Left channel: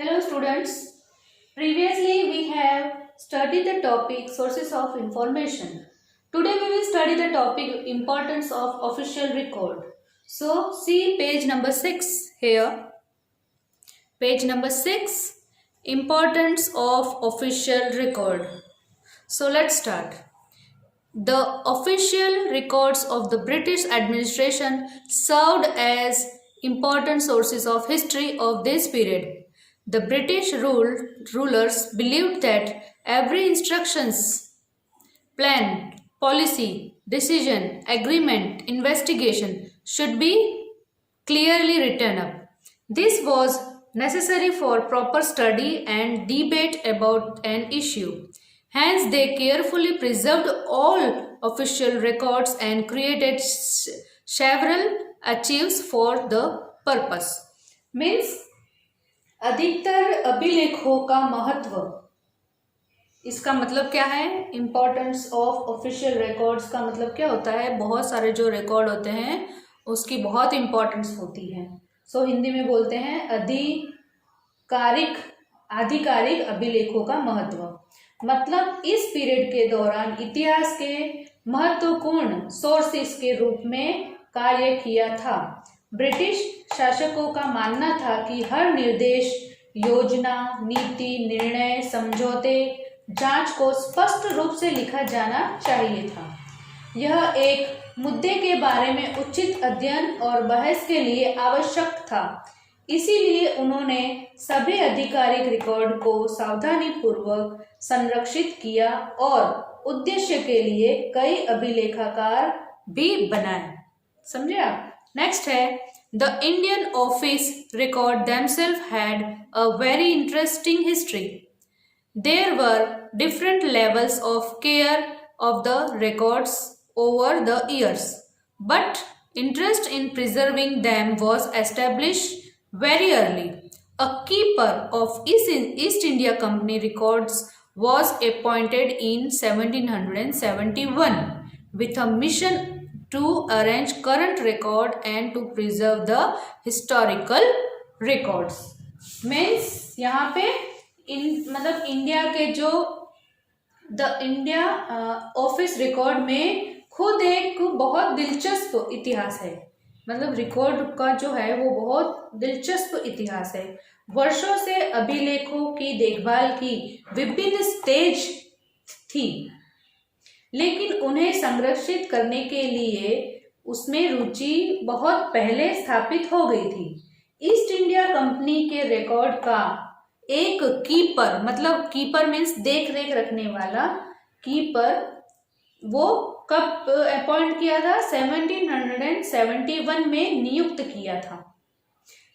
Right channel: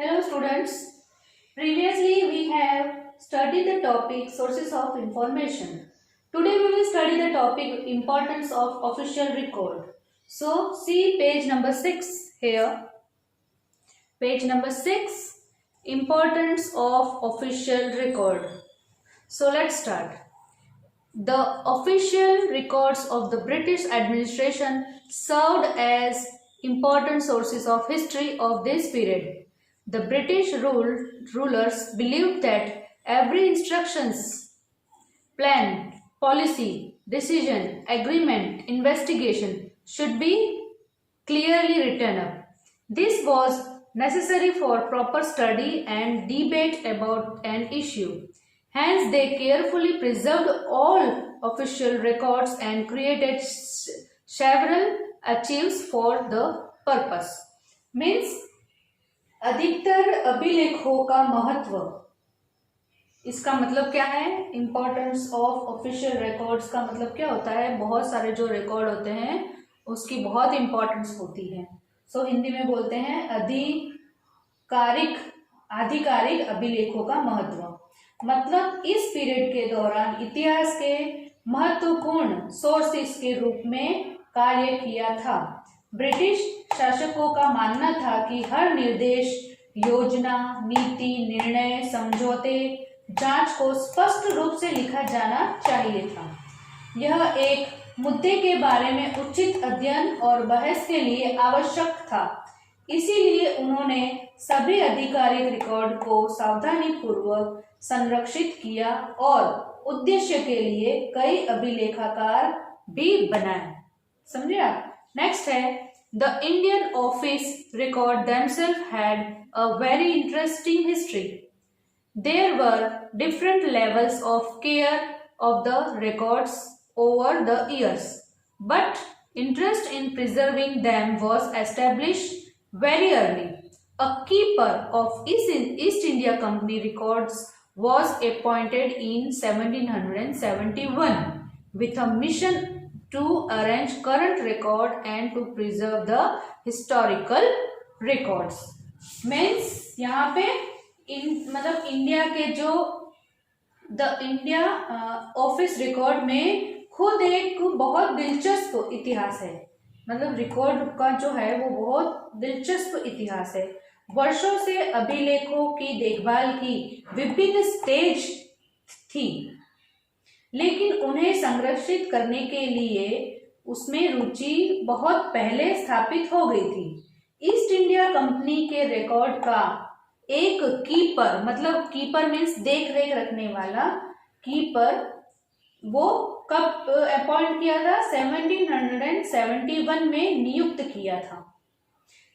Hello students. Previously we have studied the topic sources of information. Today we will study the topic importance of official record. So see page number 6 here. Page number 6, importance of official record. So let's start. The official records of the British administration served as important sources of history of this period. The British rulers believed that every instructions, plan, policy, decision, agreement, investigation should be clearly written up. This was necessary for proper study and debate about an issue. Hence, they carefully preserved all official records and created several archives for the purpose. Means अधिकतर अभिलेखों का महत्व, इसका मतलब क्या है? Importance of official records का मतलब क्या होता है? बहुत सारे जो रिकॉर्ड होते हैं उसकी बहुत इम्पोर्टेंस होती है. सो हिंदी में बोलते हैं आधिकारिक अभिलेखों का महत्व. मतलब इस पीरियड के दौरान इतिहास के महत्वपूर्ण सोर्सेस के रूप में कार्य किया था. ब्रिटिश शासकों का मानना था कि हर निर्देश, योजना, नीति, निर्णय, समझौते, जांच को स्पष्ट रूप से लिखा जाना चाहिए था. यह एक मुद्दे के बारे में उचित अध्ययन और बहस के लिए आवश्यक था. इसीलिए उन्होंने सभी आधिकारिक रिकॉर्ड को सावधानी पूर्वक संरक्षित किया और उद्देश्य के लिए कई अभिलेखागार भी बनाए. समझे आप? नेक्स्ट है, the Indian office record themselves had a very interesting history. There were different levels of care of the records over the years, but interest in preserving them was established very early. A keeper of East India Company records was appointed in 1771 with a mission to arrange current record and to preserve the historical records. Means यहाँ पे मतलब India के जो the India office record में खुद एक बहुत दिलचस्प इतिहास है. मतलब रिकॉर्ड का जो है वो बहुत दिलचस्प इतिहास है. वर्षों से अभिलेखों की देखभाल की विभिन्न स्टेज थी, लेकिन उन्हें संरक्षित करने के लिए उसमें रुचि बहुत पहले स्थापित हो गई थी. ईस्ट इंडिया कंपनी के रिकॉर्ड का एक कीपर, मतलब कीपर मीन्स देख रेख रखने वाला कीपर, वो कब अपॉइंट किया था? 1771 में नियुक्त किया था,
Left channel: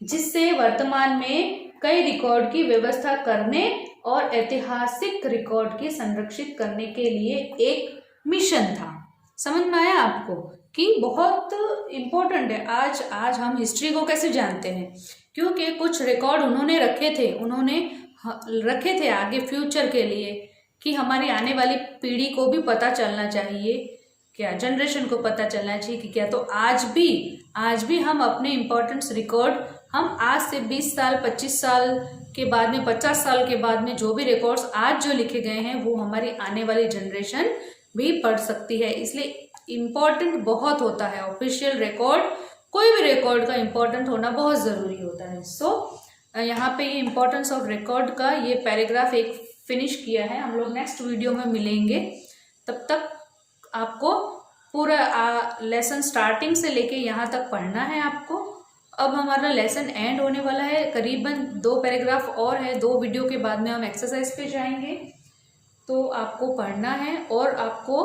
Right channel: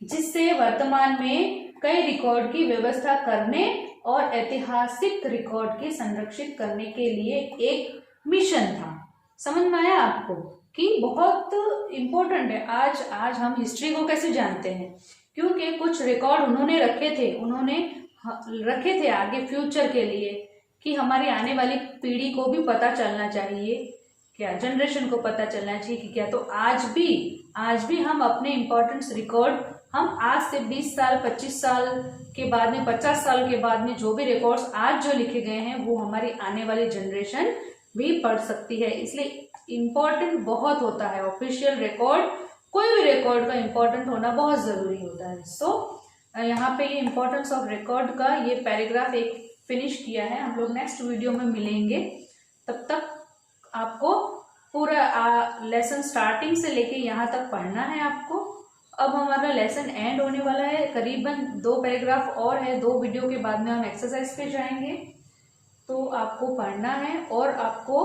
जिससे वर्तमान में कई रिकॉर्ड की व्यवस्था करने और ऐतिहासिक रिकॉर्ड की संरक्षित करने के लिए एक मिशन था. समझ में आया आपको कि बहुत इम्पोर्टेंट है. आज हम हिस्ट्री को कैसे जानते हैं? क्योंकि कुछ रिकॉर्ड उन्होंने रखे थे आगे फ्यूचर के लिए, कि हमारी आने वाली पीढ़ी को भी पता चलना चाहिए, क्या जनरेशन को पता चलना चाहिए कि क्या. तो आज भी हम अपने इम्पोर्टेंट्स रिकॉर्ड हम आज से 20 साल 25 साल के बाद में 50 साल के बाद में जो भी रिकॉर्ड्स आज जो लिखे गए हैं वो हमारी आने वाली जनरेशन भी पढ़ सकती है. इसलिए इम्पोर्टेंट बहुत होता है ऑफिशियल रिकॉर्ड. कोई भी रिकॉर्ड का इम्पोर्टेंट होना बहुत ज़रूरी होता है. सो यहाँ पे ये इम्पोर्टेंस ऑफ रिकॉर्ड का ये पैराग्राफ एक फिनिश किया है. हम लोग नेक्स्ट वीडियो में मिलेंगे. तब तक आपको पूरा लेसन स्टार्टिंग से लेके यहाँ तक पढ़ना है आपको. अब हमारा लेसन एंड होने वाला है, करीबन 2 पैराग्राफ और है. 2 वीडियो के बाद में हम एक्सरसाइज पे जाएंगे. तो आपको पढ़ना है और आपको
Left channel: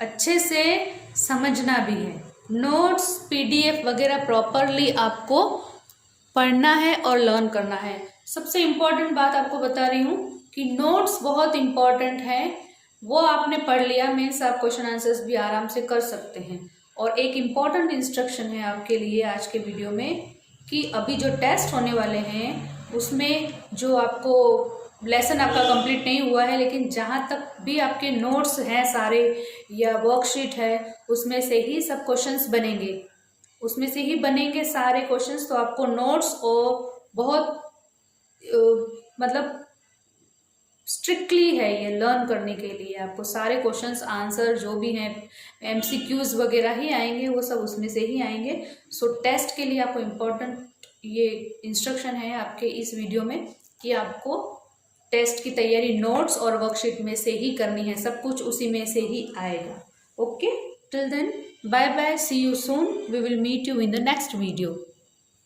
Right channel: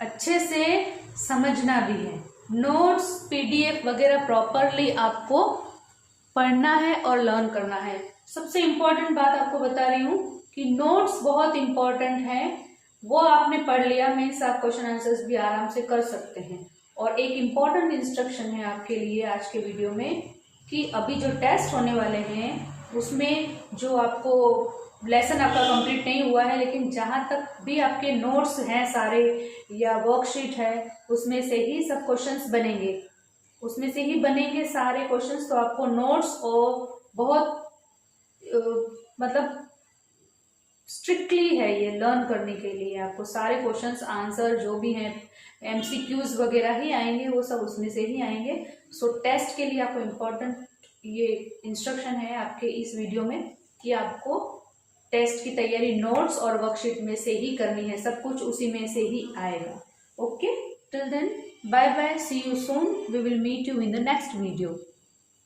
अच्छे से समझना भी है. नोट्स, पीडीएफ वगैरह प्रॉपरली आपको पढ़ना है और लर्न करना है. सबसे इम्पॉर्टेंट बात आपको बता रही हूँ कि नोट्स बहुत इम्पॉर्टेंट हैं. वो आपने पढ़ लिया मीन्स आप क्वेश्चन आंसर्स भी आराम से कर सकते हैं. और एक इम्पॉर्टेंट इंस्ट्रक्शन है आपके लिए आज के वीडियो में कि अभी जो टेस्ट होने वाले हैं उसमें जो आपको लेसन आपका कंप्लीट नहीं हुआ है, लेकिन जहाँ तक भी आपके नोट्स हैं सारे या वर्कशीट है उसमें से ही सब क्वेश्चंस बनेंगे, उसमें से ही बनेंगे सारे क्वेश्चंस. तो आपको नोट्स और बहुत मतलब स्ट्रिक्टली है ये लर्न करने के लिए। आपको सारे क्वेश्चंस आंसर जो भी हैं एमसीक्यूज वगैरह ही आएंगे, वो सब उसमें से ही आएंगे। सो टेस्ट के लिए आपको इम्पोर्टेंट ये इंस्ट्रक्शन है आपके इस वीडियो में कि आपको टेस्ट की तैयारी नोट्स और वर्कशीट में से ही करनी है, सब कुछ उसी में से ही आएगा। Okay, till then bye bye, see you soon, we will meet you in the next video.